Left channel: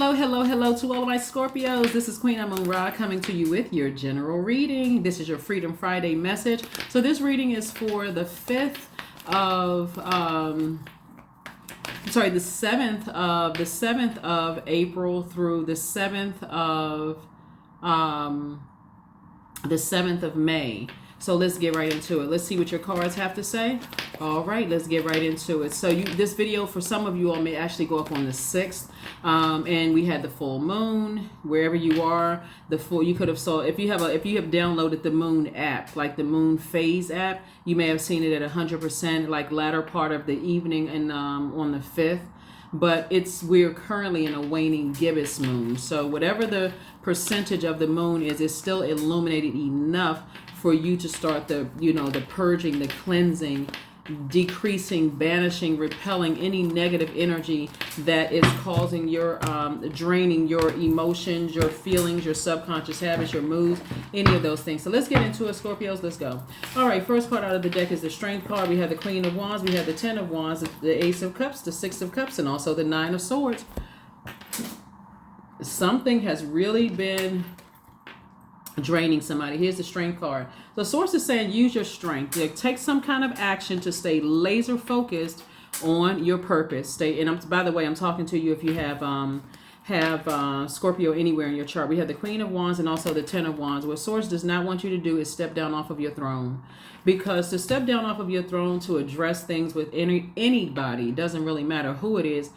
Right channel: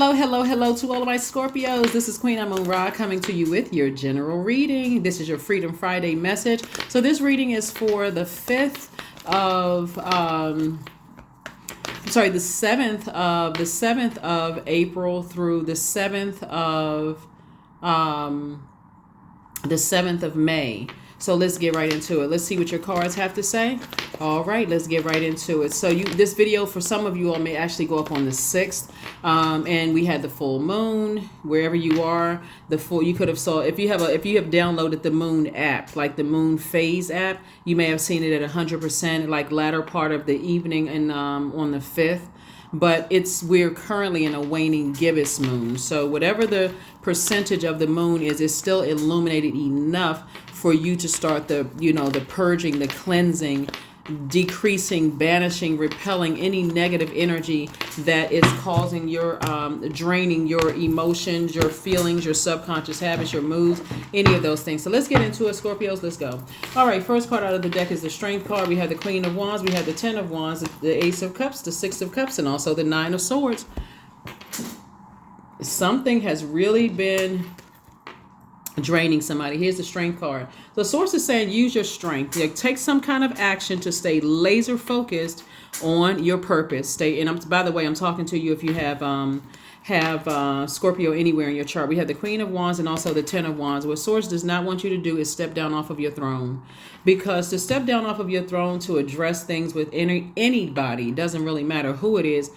Hello to all of my Scorpios. This is Queen Amun Ra coming to you with your general reading. This is your Freedom Friday message. So this reading is for the 5th of the 7th of April through the 7th of May. So let's get right into it. Let's see what your cards have to say. All right, let's get right into it. So this video for some of you all may actually go up on the 6th. And we had the full moon wherever you are. You could have saw if you have downloaded the moon app, like the moon phase app, you may have seen it at 100%, like latter part of the evening and on the 5th. But we're currently in a waning gibbous moon. So whatever the percentage of the moon is, it's still illuminated enough for you to start the purging, the cleansing, decreasing, banishing, repelling any negative energy that is causing your draining your emotions, your feelings, your subconscious habits, your moods, any of those things. So let's get into it, Scorpios. Let's go. All right, first card out of the deck is the Strength card. We have the Queen of Wands, we have the Ten of Wands, the Ace of Cups, the Six of Cups, and also the Nine of Swords. Something has really been draining somebody. Here's the Strength card. The source is saying use your strength. Take some kind of action to stay laser focused on your purpose. By the way, I'm talking to you if you have Scorpio anywhere in your chart. We have the Queen of Wands and also the Ten of Wands. What source does not want you to do is step down off of your throne, because to step down off of your throne to address things with anybody, doesn't really matter who it is.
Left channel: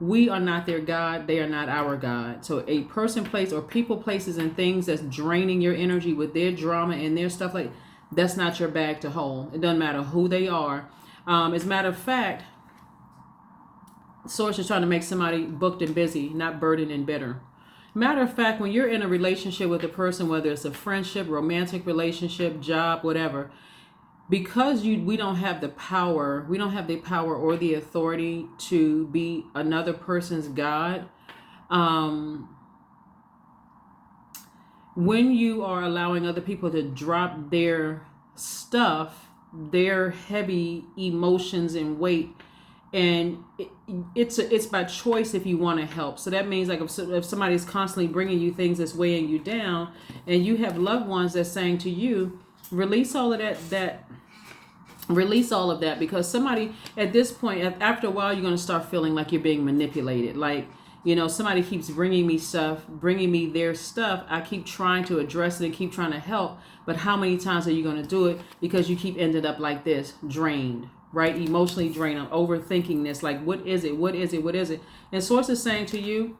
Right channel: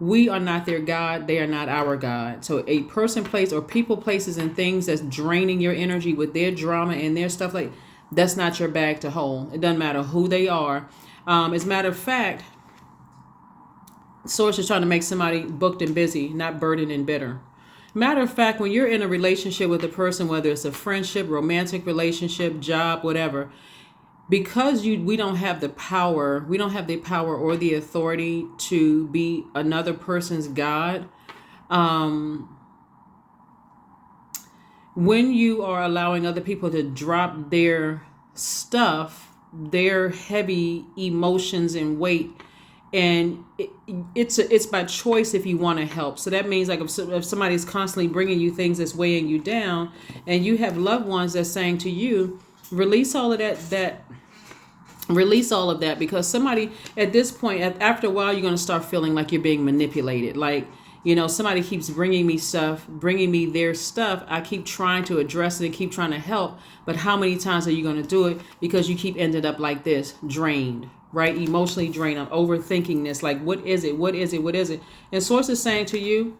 We are not their God. They are not our God. So a person, place, or people, places, and things that's draining your energy with their drama and their stuff, like that's not your bag to hold. It doesn't matter who they are. As a matter of fact, Source is trying to make somebody booked and busy, not burdened and bitter. Matter of fact, when you're in a relationship with a person, whether it's a friendship, romantic relationship, job, whatever, because we don't have the power or the authority to be another person's God. When you are allowing other people to drop their stuff, their heavy emotions and weight, and it's by choice if you want to help. So that means like if somebody's constantly bringing you things that's weighing you down, and you have loved ones that's saying to you, release all of that, because somebody at this point, after a while, you're going to start feeling like you're being manipulated. Like, somebody keeps bringing me their stuff. I keep trying to address it and keep trying to help. But how many times are you going to do it? Because you keep ending up like this, drained, right? Emotionally drained. I'm overthinking this. Like, what is it? What is it? What is it? And Source is saying to you,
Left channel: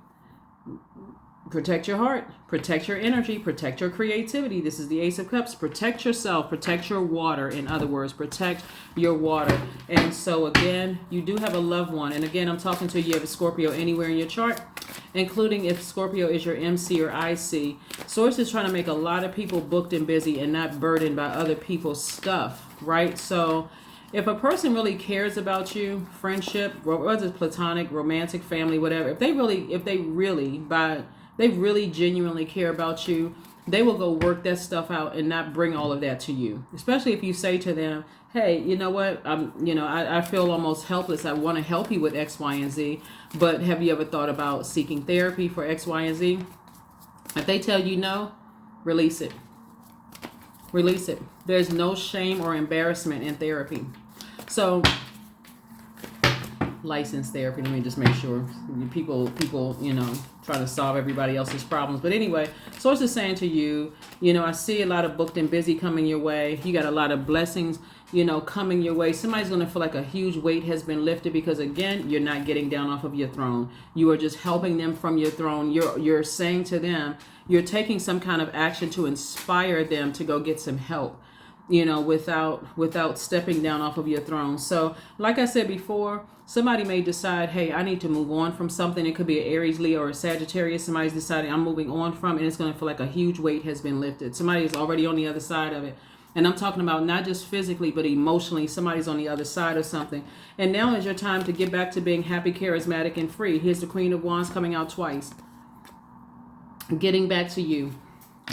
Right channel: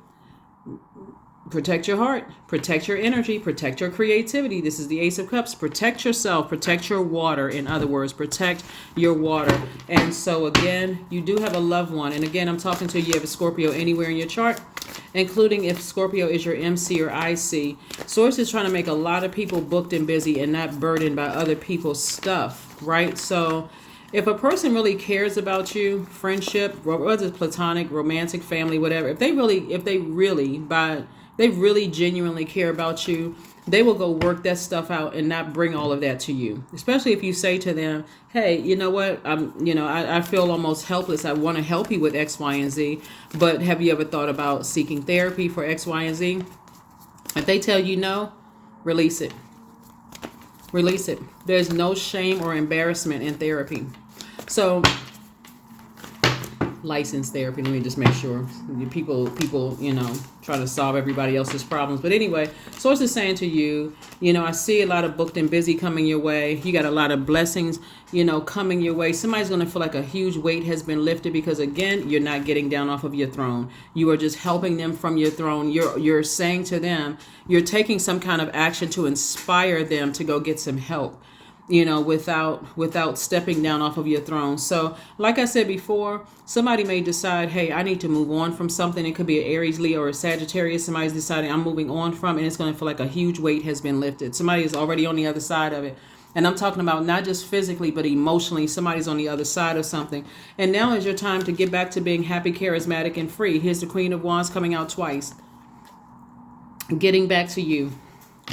protect your heart, protect your energy, protect your creativity. This is the Ace of Cups. Protect yourself, protect your water. In other words, protect your water. And so again, you do have a loved one. And again, I'm talking to you have a Scorpio anywhere in your chart, including if Scorpio is your MC or IC. Source is trying to make a lot of people booked and busy and not burdened by other people's stuff, right? So if a person really cares about you, friendship, whether it's platonic, romantic, family, whatever, if they really genuinely care about you, they will go work that stuff out and not bring all of that to you. Especially if you say to them, hey, you know what, I feel almost helpless. I want to help you with X, Y, and Z, but have you ever thought about seeking therapy for X, Y, and Z? If they tell you no, release it. Release it. There's no shame or embarrassment in therapy. So licensed therapy, let me just make sure. People try to solve everybody else's problems. But anyway, Source is saying to you, I see a lot of booked and busy coming your way. You got a lot of blessings, coming your way. Somebody's going to feel like a huge weight has been lifted, because again, you're not getting down off of your throne. You are just helping them from your throne. You're saying to them, you're taking some kind of action to inspire them to go get some help, without stepping down off of your throne. So like I said before, somebody may decide, hey, I need to move on from something. It could be an Aries, Leo, or a Sagittarius. Somebody's deciding I'm moving on from, and it's going to feel like a huge weight has been lifted. Somebody is already on the other side of it. And I'm talking about not just physically, but emotionally. Somebody's on the other side of something. And now is your time to get back to being happy, charismatic, and free. Here's the Queen of Wands coming out twice. Getting back to you.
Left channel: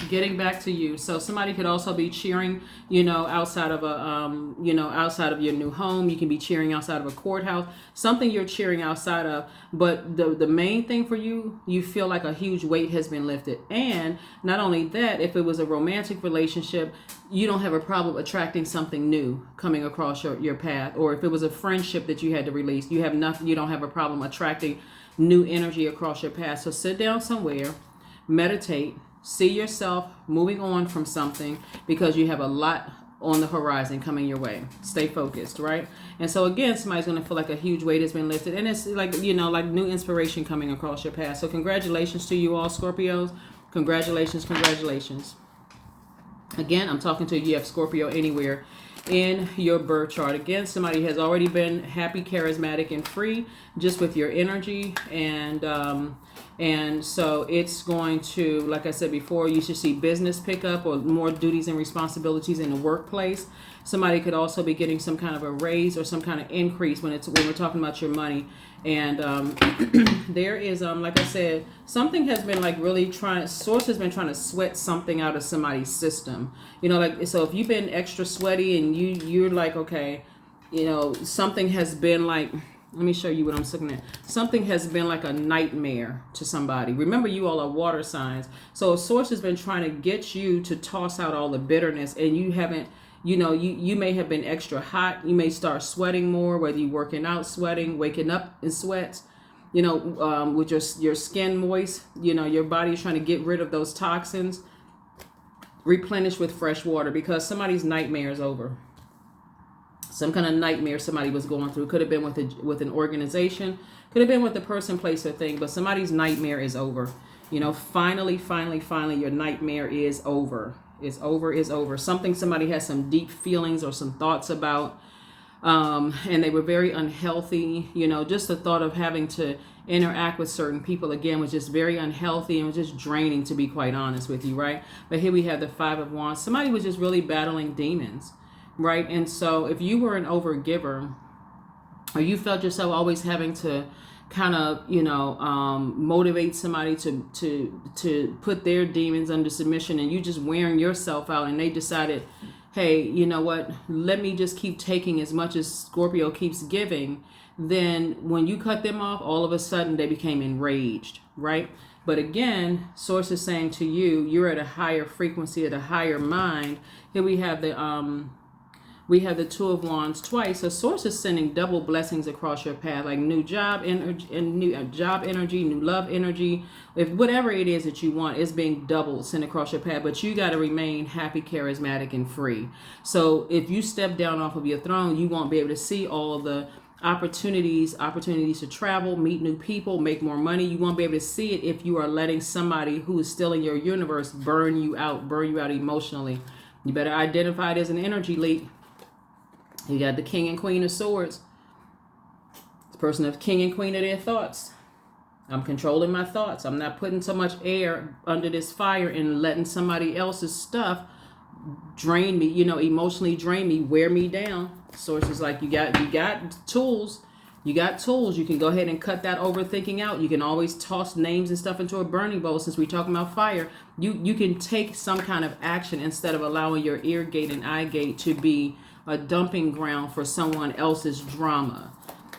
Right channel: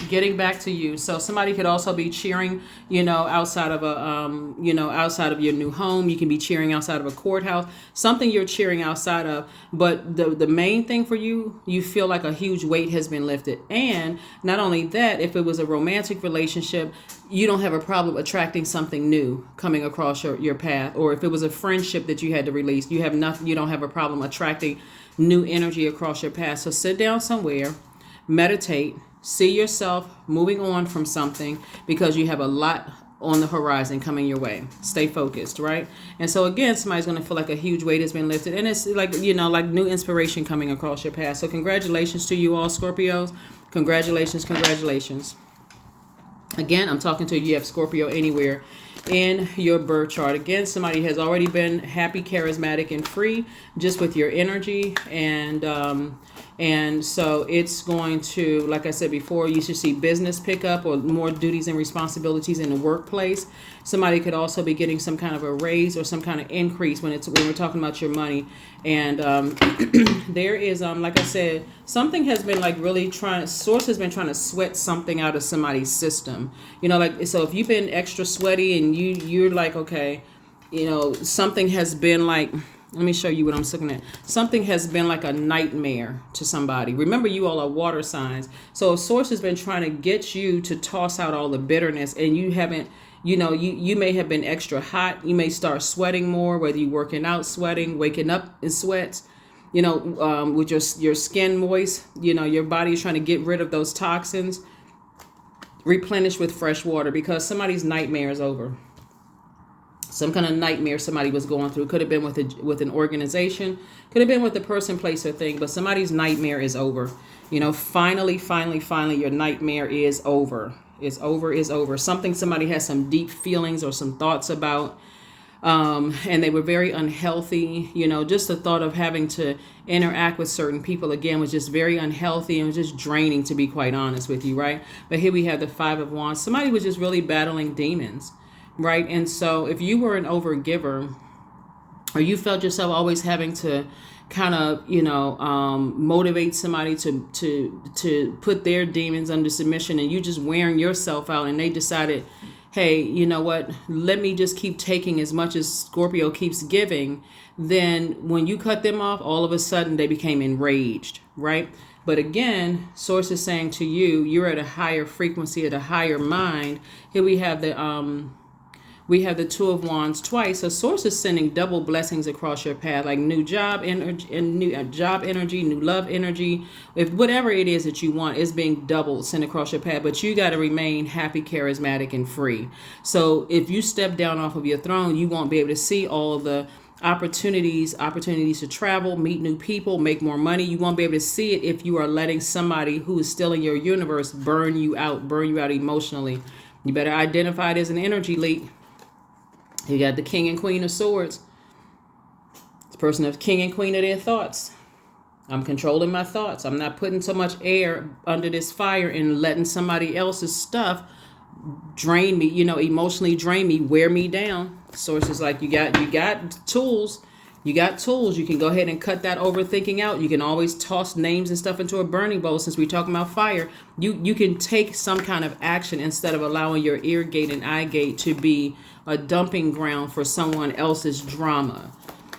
Getting back to you. So somebody could also be cheering, outside of outside of your new home. You can be cheering outside of a courthouse, something you're cheering outside of. But the main thing for you, you feel like a huge weight has been lifted. And not only that, if it was a romantic relationship, you don't have a problem attracting something new coming across your path. Or if it was a friendship that you had to release, you don't have a problem attracting new energy across your path. So sit down somewhere, meditate, see yourself moving on from something, because you have a lot on the horizon coming your way. Stay focused, right? And so again, somebody's going to feel like a huge weight has been lifted, and it's like, like new inspiration coming across your path. So congratulations to you all, Scorpios. Congratulations. Again, I'm talking to you have Scorpio anywhere in your birth chart. Again, somebody has already been happy, charismatic, and free just with your energy. And so it's going to, like I said before, you should see business pick up or more duties and responsibilities in the workplace. Somebody could also be getting some kind of a raise or some kind of increase when we're talking about your money. And there is, like I said, something has been like really source has been trying to sweat something out of somebody's system. So if you've been extra sweaty and you're like, okay, something has been like, let me show you what I'm looking at. Something has been like a nightmare to somebody. Remember, you all are water signs. So a source has been trying to get you to toss out all the bitterness, and you haven't, you may have been extra hot. You may start sweating more, whether you're working out, sweating, waking up in sweats, with your skin moist, your body is trying to get rid of those toxins, replenish with fresh water, because somebody's nightmare is over. Some kind of nightmare somebody was going through. Could have been with an organization. Could have been with a person, place, or thing. But somebody's nightmare is over. Finally, your nightmare is over. It's over. Somebody has some deep feelings or some thoughts about. And they were very unhealthy. Just the thought of having to interact with certain people, again, was just very unhealthy and was just draining, to be quite honest with you, right? But here we have the Five of Wands. Somebody was just really battling demons. Right. And so if you were an overgiver, or you felt yourself always having to kind of, motivate somebody to put their demons under submission, and you just wearing yourself out, and they decided, hey, you know what, let me just keep taking as much as Scorpio keeps giving, then when you cut them off, all of a sudden they became enraged. Right. But again, Source is saying to you, you're at a higher frequency, at a higher mind. Here we have the Two of Wands twice. So Source is sending double blessings across your path, like new job energy, and new job energy, new love energy. If whatever it is that you want is being doubled sent across your path, but you got to remain happy, charismatic, and free. So if you step down off of your throne, you won't be able to see all the opportunities to travel, meet new people, make more money. You won't be able to see it if you are letting somebody who is still in your universe burn you out emotionally. You better identify it as an energy leak. You got the King and Queen of Swords. It's a person of King and Queen of their thoughts. I'm controlling my thoughts. I'm not putting so much air under this fire and letting somebody else's stuff drain me, emotionally drain me, wear me down. Source is like, you got tools. You got tools. You can go ahead and cut that overthinking out. You can always toss names and stuff into a burning bowl. Since we're talking about fire, you can take some kind of action instead of allowing your ear gate and eye gate to be a dumping ground for someone else's drama,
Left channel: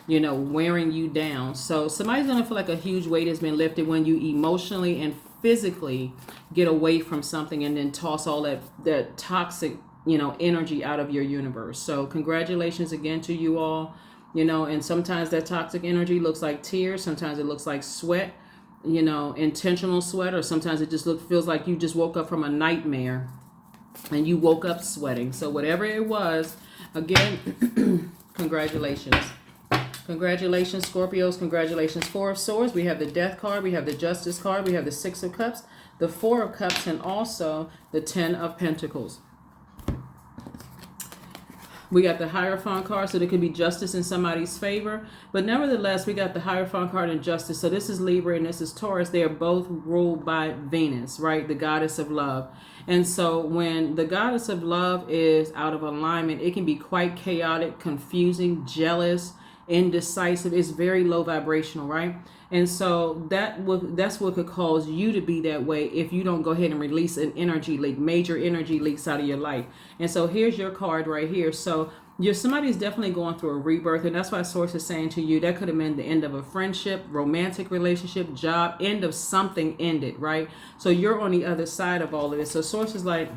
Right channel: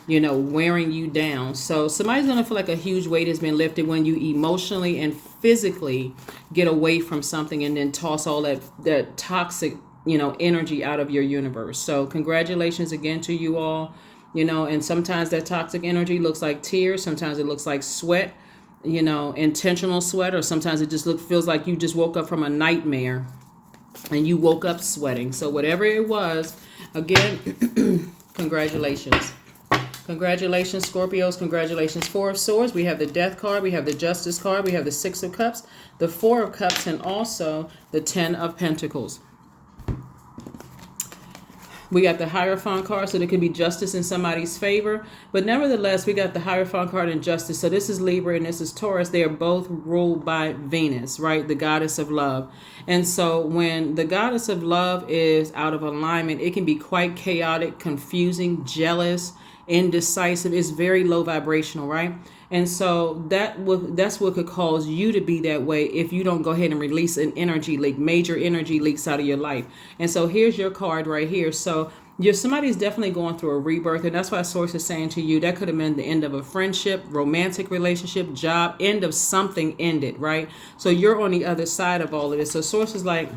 wearing you down. So somebody's going to feel like a huge weight has been lifted when you emotionally and physically get away from something and then toss all that toxic, energy out of your universe. So congratulations again to you all, and sometimes that toxic energy looks like tears. Sometimes it looks like sweat, intentional sweat, or sometimes it just feels like you just woke up from a nightmare and you woke up sweating. So whatever it was, again, congratulations. Congratulations, Scorpios. Congratulations. Four of Swords. We have the Death card. We have the Justice card. We have the Six of Cups, the Four of Cups, and also the Ten of Pentacles. We got the Hierophant card, so there could be justice in somebody's favor. But nevertheless, we got the Hierophant card and justice. So this is Libra and this is Taurus. They are both ruled by Venus, right? The goddess of love. And so when the goddess of love is out of alignment, it can be quite chaotic, confusing, jealous, indecisive. It's very low vibrational, right? And so that's what could cause you to be that way if you don't go ahead and release an energy leak, major energy leaks out of your life. And so here's your card right here. So somebody's definitely going through a rebirth, and that's why Source is saying to you that could have been the end of a friendship, romantic relationship, job, end of something ended, right? So you're on the other side of all of this. So Source is like,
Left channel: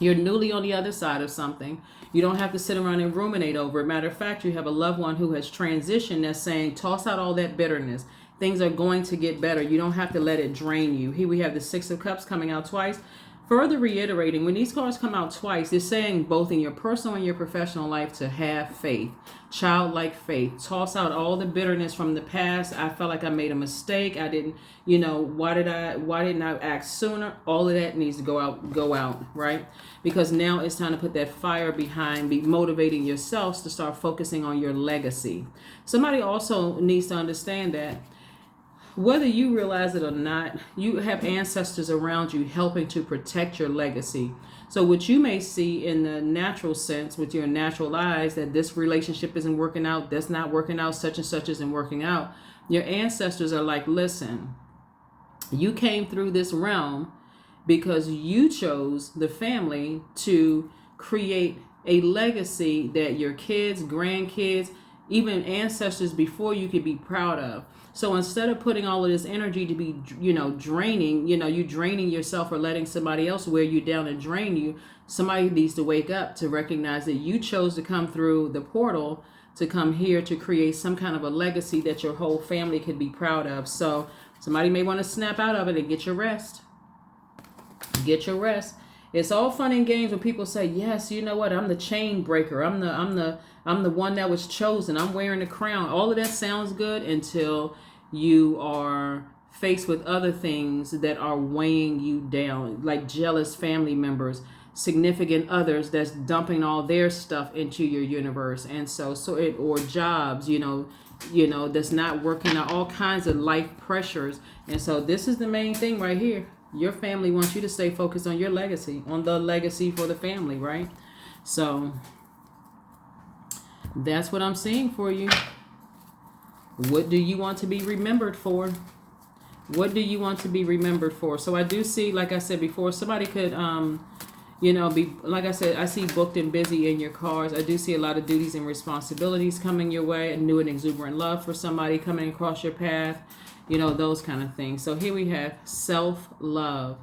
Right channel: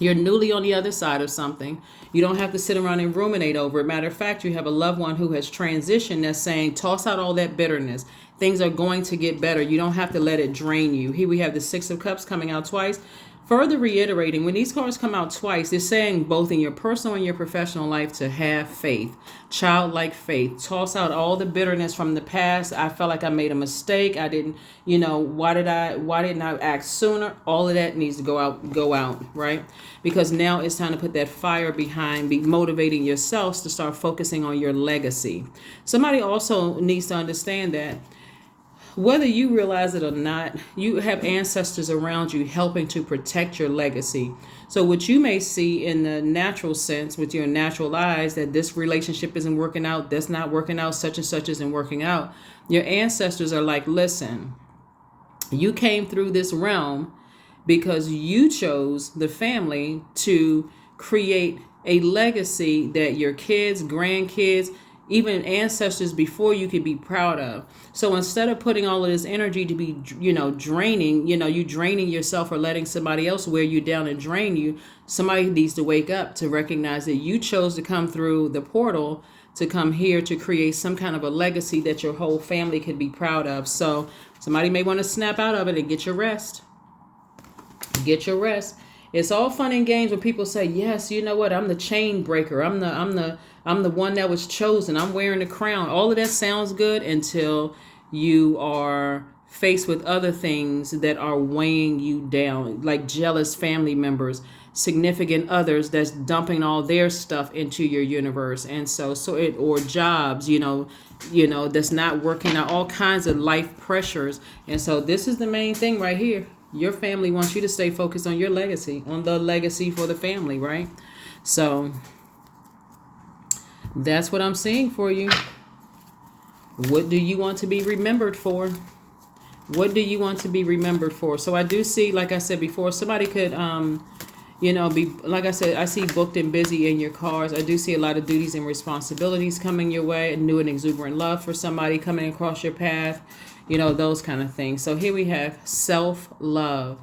you're newly on the other side of something. You don't have to sit around and ruminate over it. Matter of fact, you have a loved one who has transitioned that's saying, toss out all that bitterness. Things are going to get better. You don't have to let it drain you. Here we have the Six of Cups coming out twice. Further reiterating, when these cards come out twice, they're saying both in your personal and your professional life to have faith, childlike faith. Toss out all the bitterness from the past. I felt like I made a mistake. I didn't, why didn't I act sooner? All of that needs to go out, right? Because now it's time to put that fire behind, be motivating yourselves to start focusing on your legacy. Somebody also needs to understand that whether you realize it or not, you have ancestors around you helping to protect your legacy. So what you may see in the natural sense with your natural eyes, that this relationship isn't working out, that's not working out, such and such isn't working out. Your ancestors are like, listen, you came through this realm because you chose the family to create a legacy that your kids, grandkids, even ancestors before you could be proud of. So instead of putting all of this energy to be, draining, you draining yourself or letting somebody else wear you down and drain you, somebody needs to wake up to recognize that you chose to come through the portal to come here to create some kind of a legacy that your whole family could be proud of. So somebody may want to snap out of it and get your rest. Get your rest. It's all fun and games when people say, yes, you know what, I'm the chain breaker. I'm the one that was chosen. I'm wearing the crown. All of that sounds good until you are faced with other things that are weighing you down, like jealous family members, significant others that's dumping all their stuff into your universe. And or jobs, that's not working out, all kinds of life pressures. And so this is the main thing right here. Your family wants you to stay focused on your legacy, on the legacy for the family, right? So that's what I'm seeing for you. What do you want to be remembered for? What do you want to be remembered for? So I do see, like I said before, somebody could, be, like I said, I see booked and busy in your cards. I do see a lot of duties and responsibilities coming your way. New and exuberant love for somebody coming across your path. Those kind of things. So here we have self-love.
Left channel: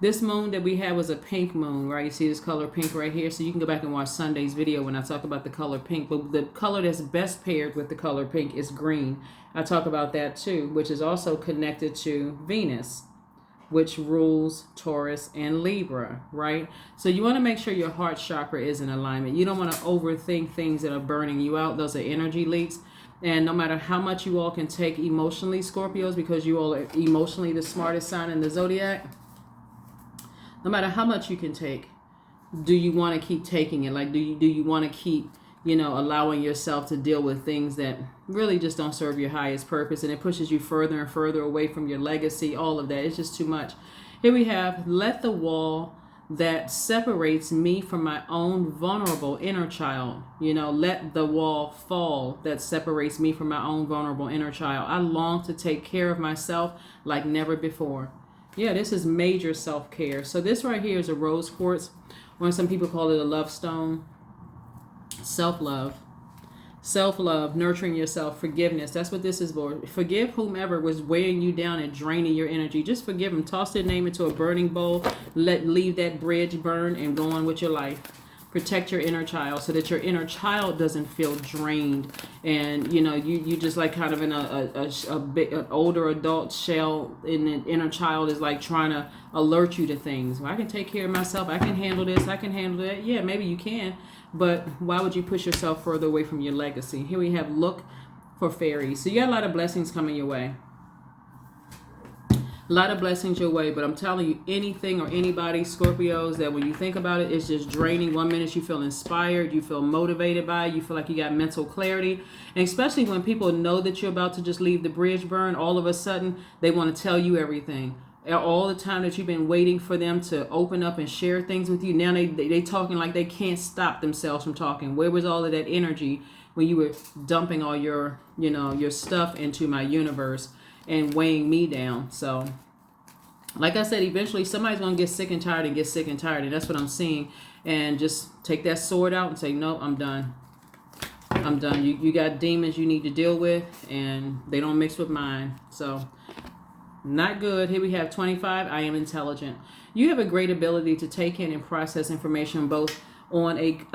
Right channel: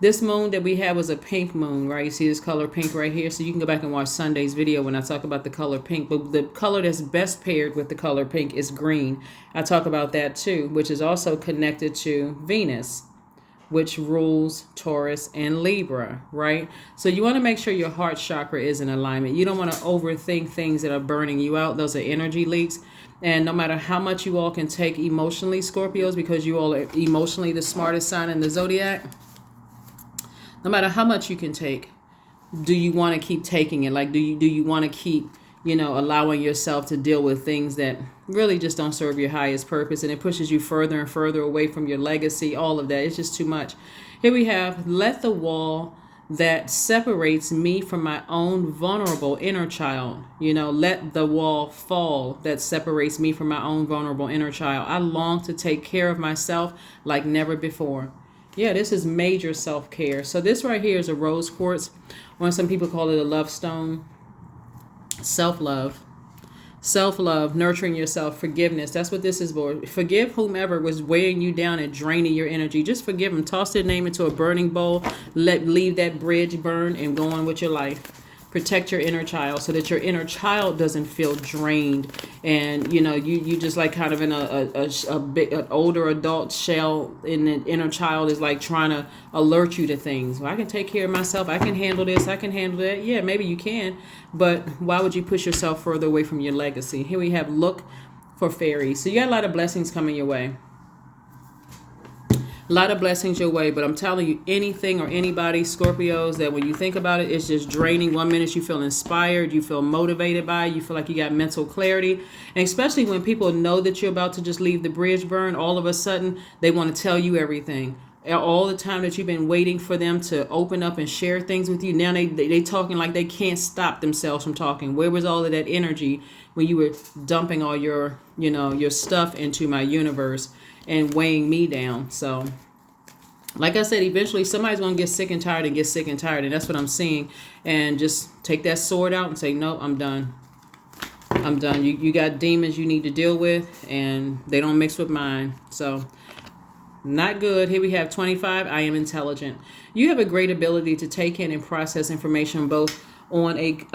This moon that we have was a pink moon, right? You see this color pink right here. So you can go back and watch Sunday's video when I talk about the color pink. But the color that's best paired with the color pink is green. I talk about that too, which is also connected to Venus, which rules Taurus and Libra, right? So you want to make sure your heart chakra is in alignment. You don't want to overthink things that are burning you out. Those are energy leaks. And no matter how much you all can take emotionally, Scorpios, because you all are emotionally the smartest sign in the Zodiac, no matter how much you can take, do you want to keep taking it? Like, do you want to keep, allowing yourself to deal with things that really just don't serve your highest purpose, and it pushes you further and further away from your legacy, all of that. It's just too much. Here we have, let the wall that separates me from my own vulnerable inner child, let the wall fall that separates me from my own vulnerable inner child. I long to take care of myself like never before. Yeah, this is major self-care. So this right here is a rose quartz, or some people call it a love stone. Self-love. Self-love, nurturing yourself, forgiveness. That's what this is for. Forgive whomever was weighing you down and draining your energy. Just forgive them. Toss their name into a burning bowl. Leave that bridge burn and go on with your life. Protect your inner child so that your inner child doesn't feel drained, and you just like kind of in an older adult shell, and the inner child is like trying to alert you to things. Well, I can take care of myself. I can handle this. I can handle that. Yeah, maybe you can, but why would you push yourself further away from your legacy? Here we have look for fairies. So you got a lot of blessings coming your way. A lot of blessings your way, but I'm telling you, anything or anybody, Scorpios, that when you think about it, it's just draining. 1 minute you feel inspired, you feel motivated by it, you feel like you got mental clarity. And especially when people know that you're about to just leave the bridge burn, all of a sudden they want to tell you everything. All the time that you've been waiting for them to open up and share things with you, now they talking like they can't stop themselves from talking. Where was all of that energy when you were dumping all your, your stuff into my universe? and weighing me down. So like I said, eventually somebody's going to get sick and tired and get sick and tired. And that's what I'm seeing. And just take that sword out and say, no, I'm done. I'm done. You got demons you need to deal with, and they don't mix with mine. So not good. Here we have 25. I am intelligent. You have a great ability to take in and process information both on a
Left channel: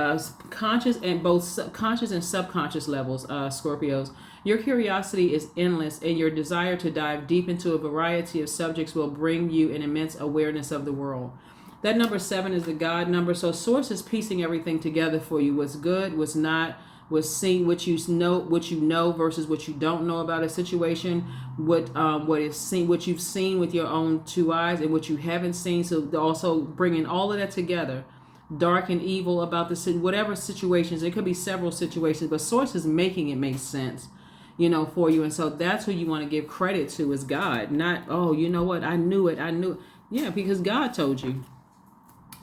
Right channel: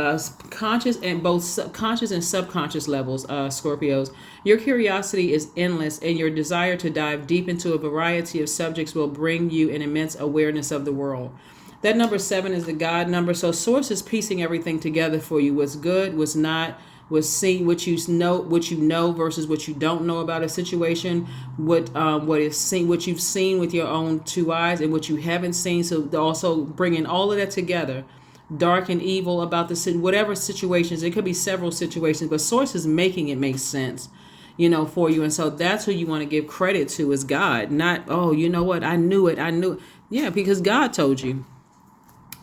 conscious and both conscious and subconscious levels, Scorpios. Your curiosity is endless, and your desire to dive deep into a variety of subjects will bring you an immense awareness of the world. That number 7 is the God number. So Source is piecing everything together for you. What's good, what's not, what's seen, what you know versus what you don't know about a situation, what is seen, what you've seen with your own 2 eyes, and what you haven't seen. So also bringing all of that together, dark and evil about the whatever situations. It could be several situations, but Source is making it make sense, for you. And so that's who you want to give credit to is God, not, oh, you know what, I knew it. Yeah, because God told you.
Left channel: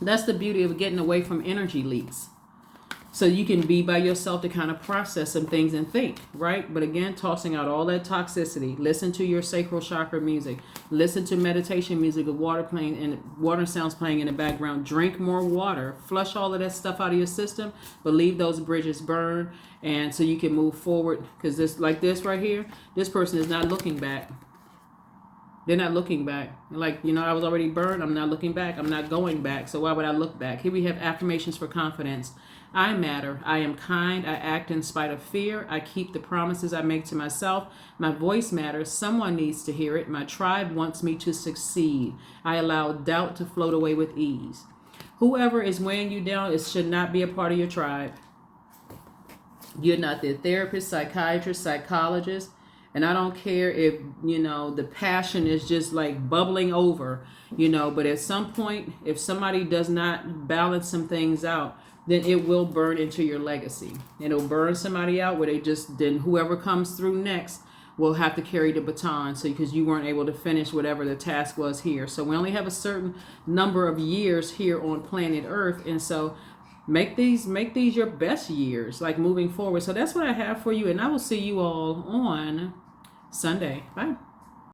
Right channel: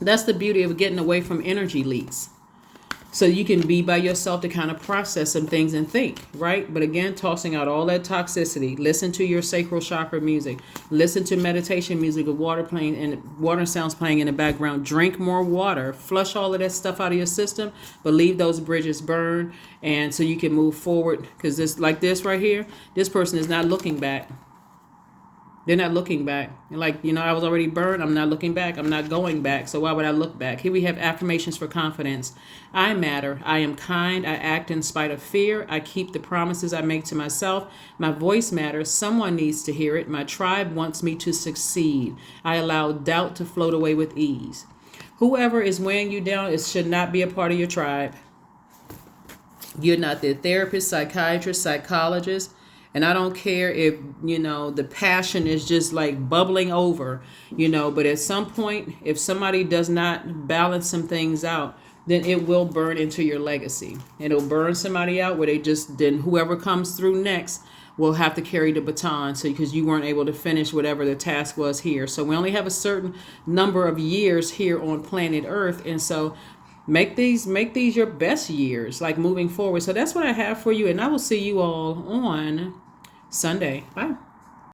That's the beauty of getting away from energy leaks. So you can be by yourself to kind of process some things and think, right? But again, tossing out all that toxicity. Listen to your sacral chakra music. Listen to meditation music with water playing and water sounds playing in the background. Drink more water. Flush all of that stuff out of your system, but leave those bridges burn. And so you can move forward, because this, like this right here, this person is not looking back. They're not looking back. Like, I was already burned. I'm not looking back. I'm not going back. So why would I look back? Here we have affirmations for confidence. I matter. I am kind. I act in spite of fear. I keep the promises I make to myself. My voice matters. Someone needs to hear it. My tribe wants me to succeed. I allow doubt to float away with ease. Whoever is weighing you down, it should not be a part of your tribe. You're not their therapist, psychiatrist, psychologist. And I don't care if, the passion is just like bubbling over, but at some point, if somebody does not balance some things out, then it will burn into your legacy. It'll burn somebody out where then whoever comes through next will have to carry the baton. So because you weren't able to finish whatever the task was here. So we only have a certain number of years here on planet Earth. And so make these your best years, like moving forward. So that's what I have for you. And I will see you all on Sunday. Bye.